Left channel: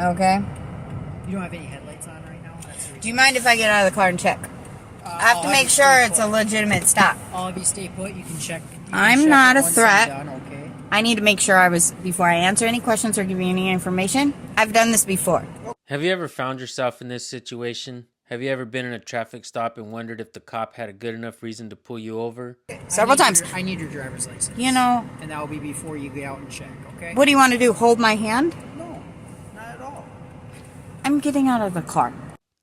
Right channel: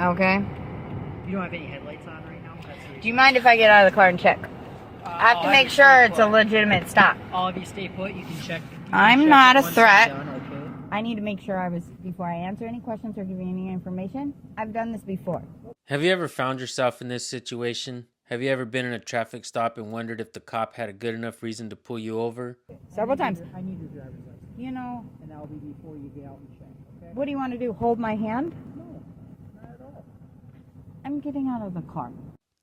Okay. You don't have any headlights on right now? Do you mind if I get out of the car and check? I have to make sure it's a legitimate stop. All of you stay put. You can check. I'm not a threat. Done, okay? I need to make sure before I answer any questions or give you any information. I've done this before. Have you ever found yourself in this situation? Have you ever been in a traffic stop and wondered if the cop had a good enough reason to pull you over? Several times. I need your driver's license. You know. And that will be before you get out and check, okay? What do you want to do? Hold my hand? No, not at all. I'm getting out of the car.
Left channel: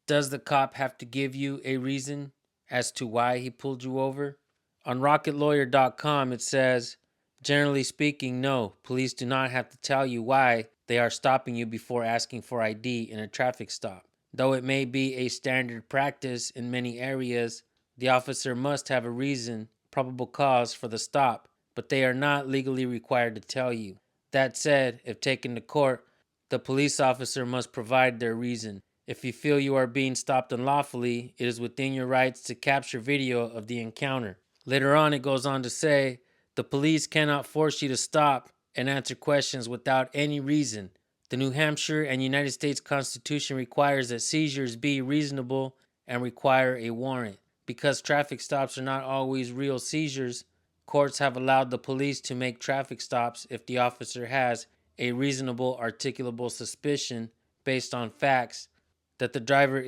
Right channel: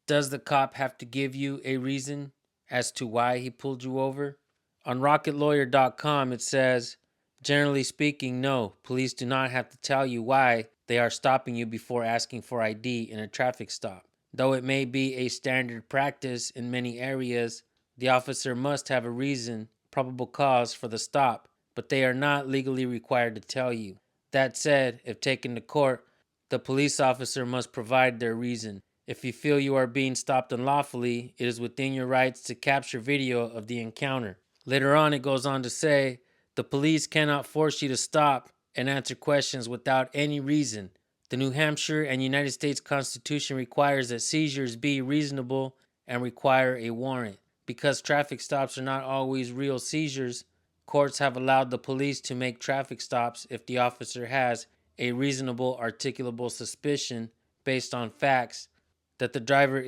Does the cop have to give you a reason as to why he pulled you over? On rocketlawyer.com it says, generally speaking, no, police do not have to tell you why they are stopping you before asking for ID in a traffic stop. Though it may be a standard practice in many areas, the officer must have a reason, probable cause for the stop, but they are not legally required to tell you. That said, if taken to court, the police officer must provide their reason. If you feel you are being stopped unlawfully, it is within your rights to capture video of the encounter. Later on, it goes on to say, the police cannot force you to stop and answer questions without any reason. The New Hampshire and United States Constitution requires that seizures be reasonable and require a warrant. Because traffic stops are not always real seizures, courts have allowed the police to make traffic stops if the officer has a reasonable articulable suspicion based on facts that the driver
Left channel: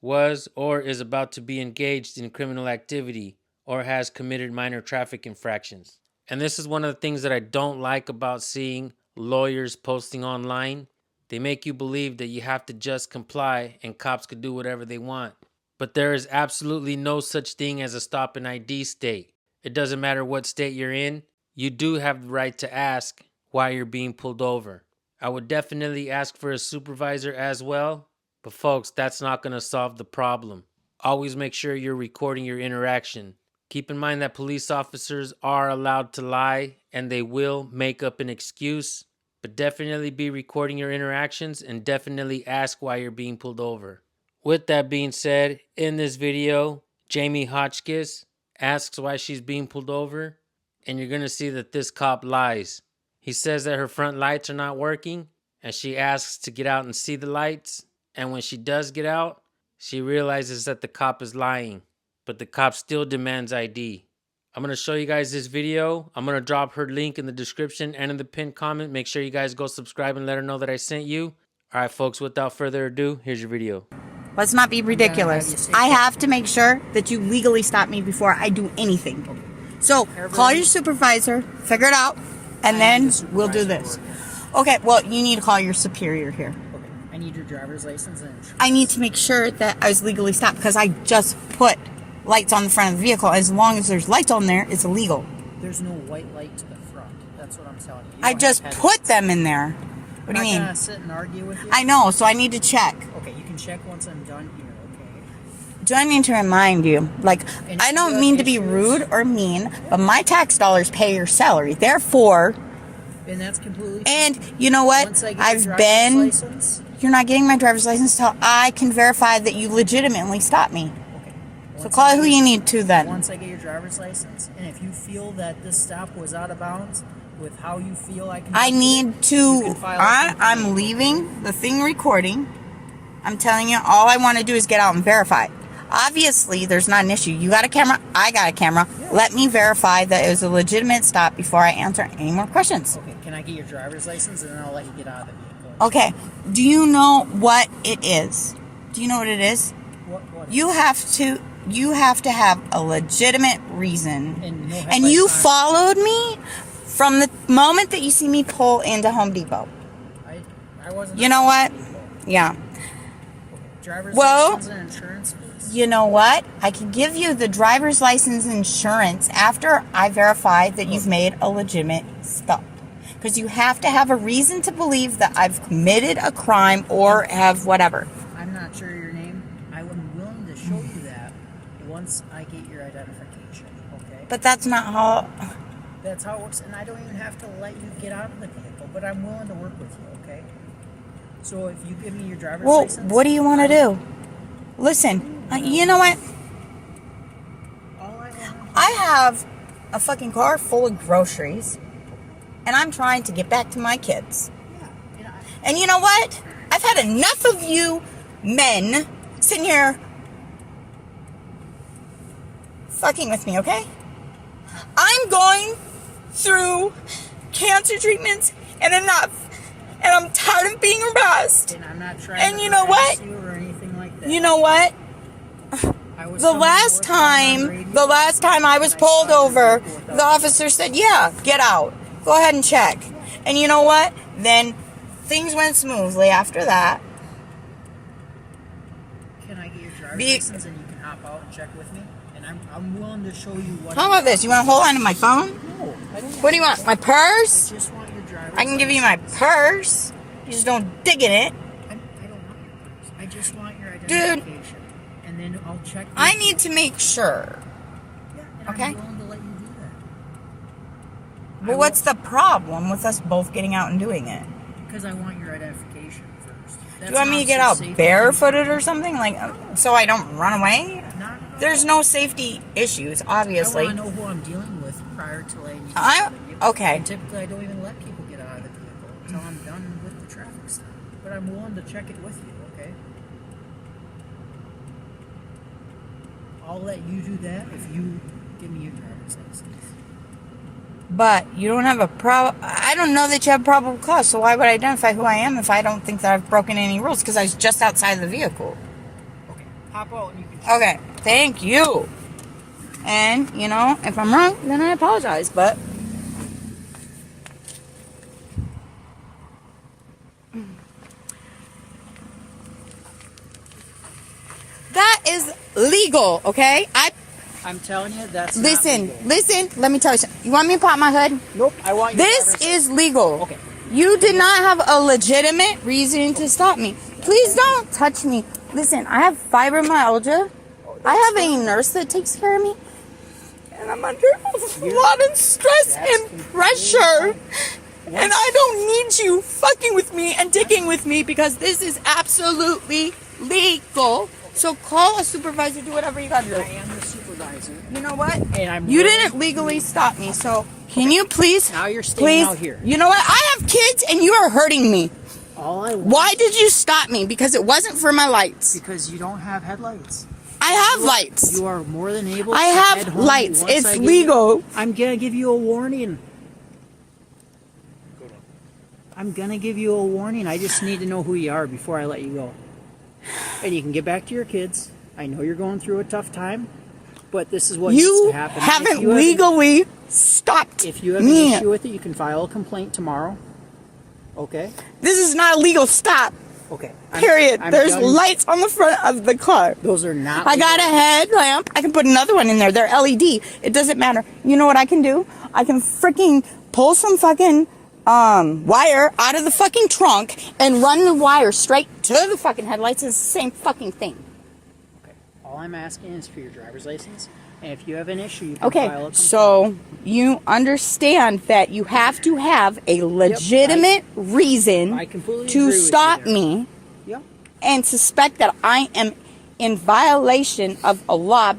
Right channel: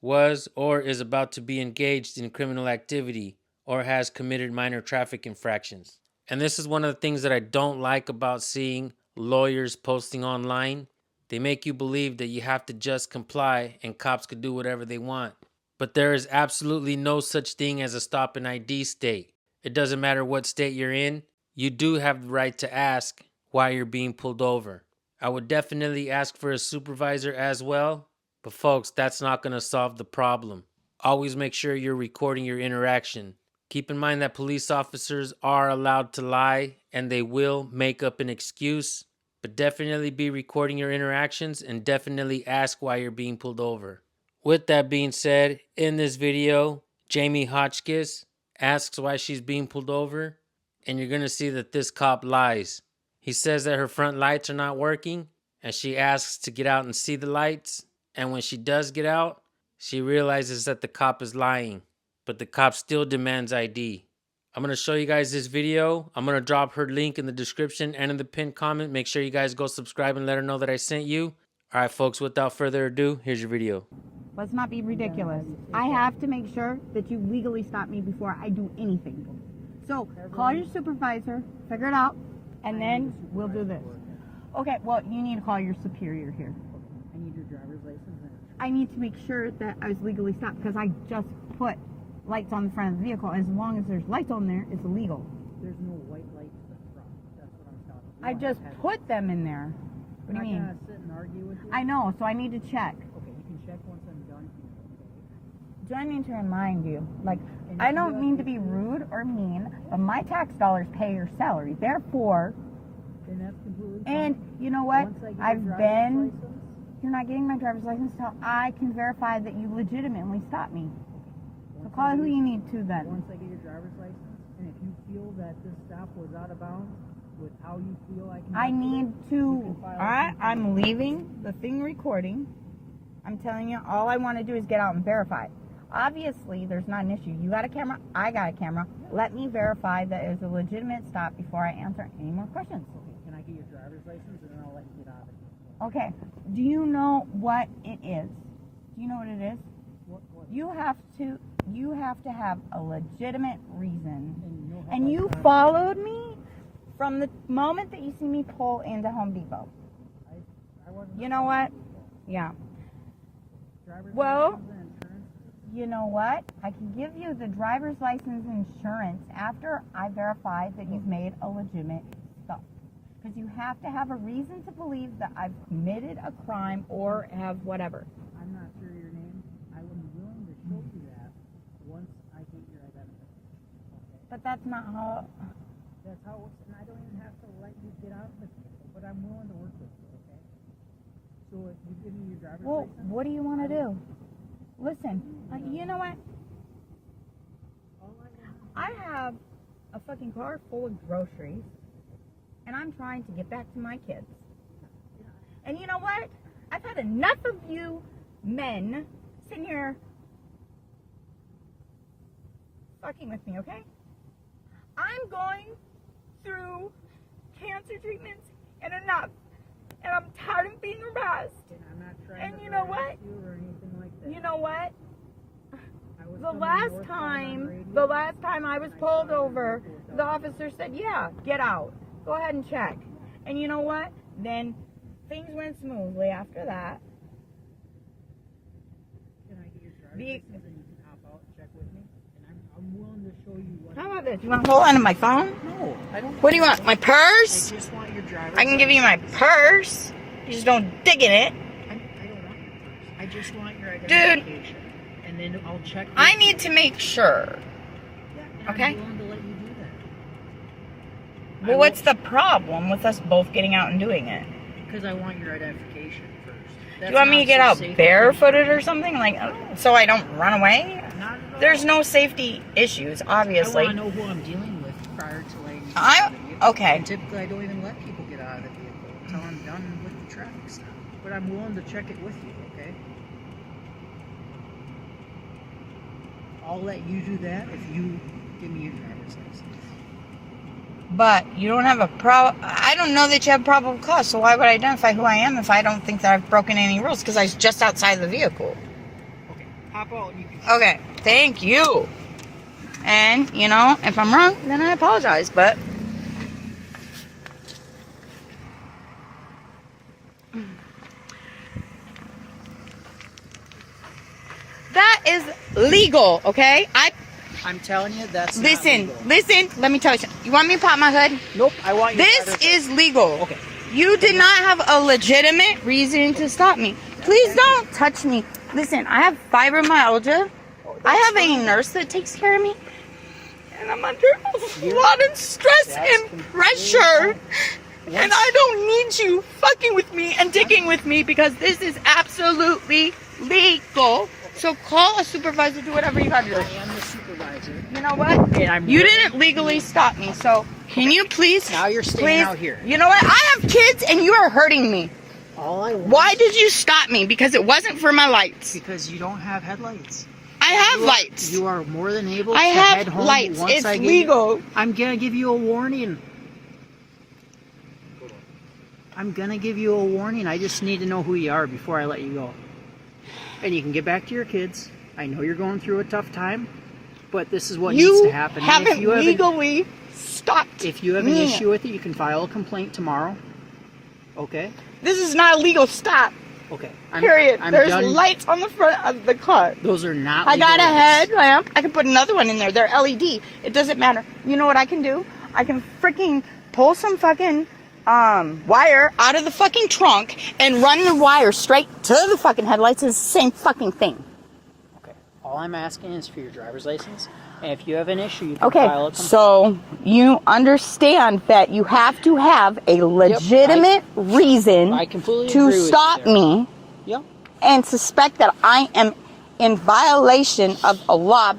was, or is about to be engaged in criminal activity or has committed minor traffic infractions. And this is one of the things that I don't like about seeing lawyers posting online. They make you believe that you have to just comply and cops could do whatever they want. But there is absolutely no such thing as a stop and ID state. It doesn't matter what state you're in. You do have the right to ask why you're being pulled over. I would definitely ask for a supervisor as well. But folks, that's not going to solve the problem. Always make sure you're recording your interaction. Keep in mind that police officers are allowed to lie and they will make up an excuse, but definitely be recording your interactions and definitely ask why you're being pulled over. With that being said, in this video, Jamie Hotchkiss asks why she's being pulled over, and you're going to see that this cop lies. He says that her front lights are not working, and she asks to get out and see the lights, and when she does get out, she realizes that the cop is lying. But the cop still demands ID. I'm going to show you guys this video. I'm going to drop her link in the description and in the pinned comment. Make sure you guys go subscribe and let her know that I sent you. All right, folks, without further ado, here's your video. Let's not be ridiculous. I have to make sure that you legally stop me before I do anything. So call your supervisor, figure it out, and then we'll do this. Okay, well, you need to call your superior here. I need your driver's license and insurance. I need to make sure that I was legally stopped because I just put lights on the front of the vehicle. As long as there's lights on there, it's illegal. There's no white light to the front. That's what I'm telling you. I just put them in there. What do you mean? I'm not gonna sit and argue with you. I know, so I need to check. Okay, you can check once I'm done here, okay? Do I need to remind you? Like, And I don't mean to be rude or mean, but my tax dollars pay your salary. Therefore, And that's completely and you know what? Once I get I've your been. driver's license, You're not getting my driver's license until I can verify that you legitimately stopped me. So once call I who get- you need to then. Once I get your driver's license, and if you feel that this stop was out of bounds with how you feel I can... I need You to. can file a I'm leaving the thing recording. I'm telling you, all I want to do is get out and verify. Obviously, there's not an issue. You got a camera. I got a camera. Let me verify that it was a legitimate stop before I answer any more questions. Okay, can I get your driver's license, and then I'll let you get out of the vehicle? Okay. Do you know what it is? Do you know what it is? What You have to have a legitimate reason. And no And you headlights on. followed me from the moment that you see me pull into Home Depot. I wasn't... You know what? Yeah. Driver's Well- license and insurance, please. You know what? I can give you the driver's license insurance after I verify that you've made a legitimate stop. Because you have to have a reason to believe that I've committed a crime or have whatever. I'm not sure your name. I would be willing to show you that once I get your identification, okay? But that's not how... That's how it works, and I don't even have to let you get out of the vehicle, but I'm willing to work with you, okay? So if you give me your driver's Well, license... what do you want to do? Listen, you know what? All I want... I have a fucking car full of groceries, and I'm trying to get back to my kids. Yeah, And you know what? I've had enough of you men sitting here fucking with me, okay? I'm going through cancer treatments and enough. And I'm tired of being harassed. And I'm not trying And to you know harass what? you or anything like that. You know what? I was The coming to last work on radio, time I was and pulled saw your over, vehicle without the officer said, yeah, get out. Go ahead and check. And you know what? Then things went smoothly after that. Can I get your driver's Be- license and you can hop out and check with me? And I'm willing to show you what. How about this? You want to hold on to my phone? No, I don't. What do you want? My I purse? just want your driver's I can give you my license. purse. You just don't dig in it. I don't want your purse. I just want your Dude. identification. And then I'll check. I with need you. to make sure. Yeah, and Okay. I'm willing to let you do that. Well, what's the problem with us both getting out and doing it? Because I want your identification first. Do you want me to get out barefooted or something? Like, so I don't run away? There's no safety issues, obviously. I want to know who I'm dealing with prior to letting you. Okay. And typically, I don't even let people get out of the vehicle until I'm done with the traffic stop. But I'm willing to check it with you, okay? I'll let you do that if you give me your driver's license. But you don't have a problem. I don't know that you have probable cause, so why would I identify who I am if I don't think that I've broken any rules? Because I was just outside the vehicle. Okay, hop out and you can. Okay, thank you. And, you know, if I'm wrong, then I apologize, but... That is legal, okay? I'm telling you, that's not Listen, legal. let me tell you something. You want me to pop my hood? Nope, I want your This driver's is legal. Okay. You did not have a legitimate reason to stop me. Please don't touch me. Listen, I have fibromyalgia. I have a nurse that takes care of me. And I'm under a lot of stress and pressure. And I don't need you fucking with me and digging with me because this is absolutely legal. So call a supervisor, do whatever you gotta do. I am the supervisor. You know what? And I'm You willing- didn't legally stop me, so can you please? Now you're staying please, out here. You know what? I have kids and you are hurting me. All I want Why did you stop me? Because it wasn't for my lights. because you don't have headlights. I have lights. You are more than able I to have head home lights. once It's I give legal. You, I'm gonna give you a warning. I'm gonna give you a warning. I just need to know who you are before I let you go. And you can get back to your kids. I know you're going through a tough time, but this is what needs You to happen. And haven't if you have legally stopped if you have an me. issue with it, you can file a complaint tomorrow. Okay? This is not a legal stop. Okay. Period. There's done. lights on the front of the car. Those are not I got a legal. headlamp. I can put another one in there. They're LED. It doesn't matter. You know what I can do? I can freaking pull some fucking wire out of the fucking trunk and run the wire straight to the fucking headlights. It's the same fucking thing. Okay. All I'm asking is for your driver's license. And if you have an issue, you can Okay, file a complaint. so you understand that you have to have a legitimate reason I completely to agree with you stop there. me Yep. and suspect that I am in violation of a law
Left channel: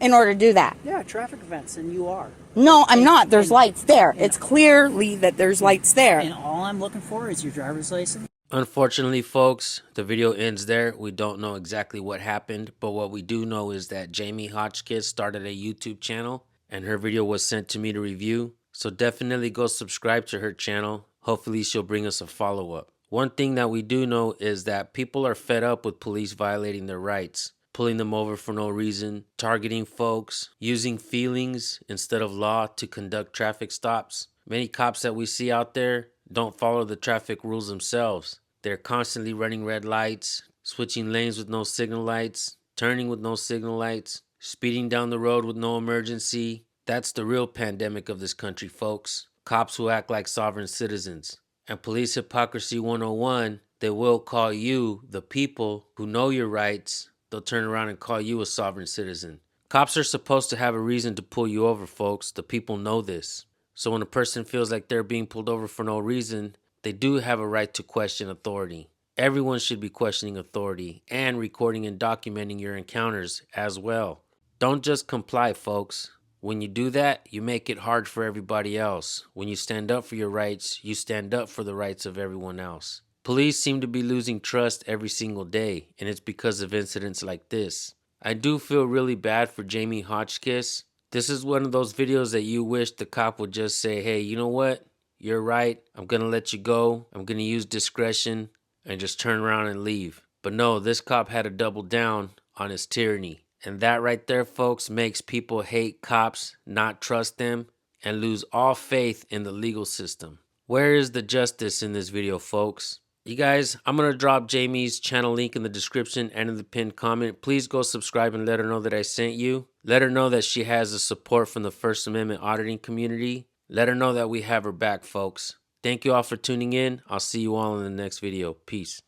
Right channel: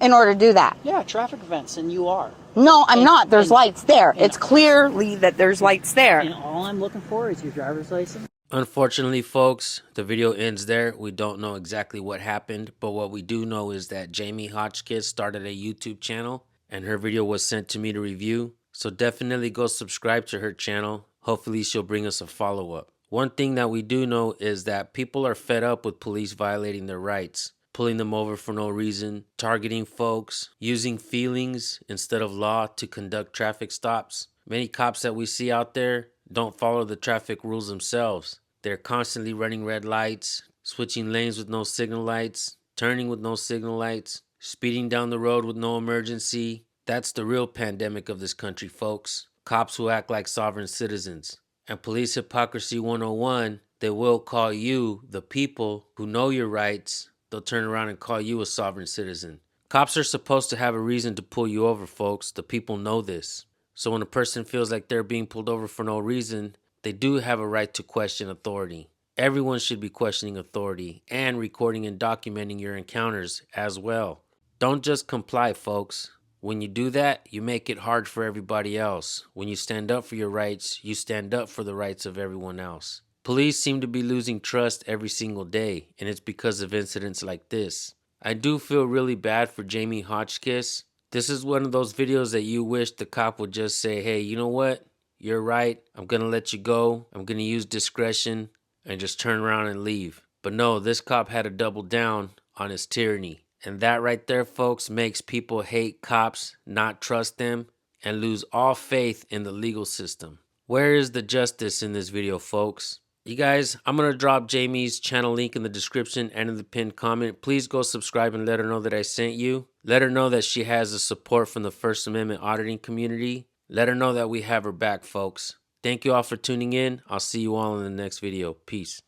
in order to do that. Yeah, traffic events, and you are. No, I'm And- not. There's and- lights there. and- It's clearly that there's lights there. And all I'm looking for is your driver's license. Unfortunately, folks, the video ends there. We don't know exactly what happened, but what we do know is that Jamie Hotchkiss started a YouTube channel and her video was sent to me to review. So definitely go subscribe to her channel. Hopefully she'll bring us a follow-up. One thing that we do know is that people are fed up with police violating their rights, pulling them over for no reason, targeting folks, using feelings instead of law to conduct traffic stops. Many cops that we see out there don't follow the traffic rules themselves. They're constantly running red lights, switching lanes with no signal lights, turning with no signal lights, speeding down the road with no emergency. That's the real pandemic of this country, folks. Cops who act like sovereign citizens. And Police Hypocrisy 101, they will call you, the people who know your rights, they'll turn around and call you a sovereign citizen. Cops are supposed to have a reason to pull you over, folks. The people know this. So when a person feels like they're being pulled over for no reason, they do have a right to question authority. Everyone should be questioning authority and recording and documenting your encounters as well. Don't just comply, folks. When you do that, you make it hard for everybody else. When you stand up for your rights, you stand up for the rights of everyone else. Police seem to be losing trust every single day, and it's because of incidents like this. I do feel really bad for Jamie Hotchkiss. This is one of those videos that you wish the cop would just say, hey, you know what? You're right. I'm going to let you go. I'm going to use discretion and just turn around and leave. But no, this cop had to double down on his tyranny. And that right there, folks, makes people hate cops, not trust them, and lose all faith in the legal system. Where is the justice in this video, folks? You guys, I'm going to drop Jamie's channel link in the description and in the pinned comment. Please go subscribe and let her know that I sent you. Let her know that she has the support from the First Amendment auditing community. Let her know that we have her back, folks. Thank you all for tuning in. I'll see you all in the next video. Peace.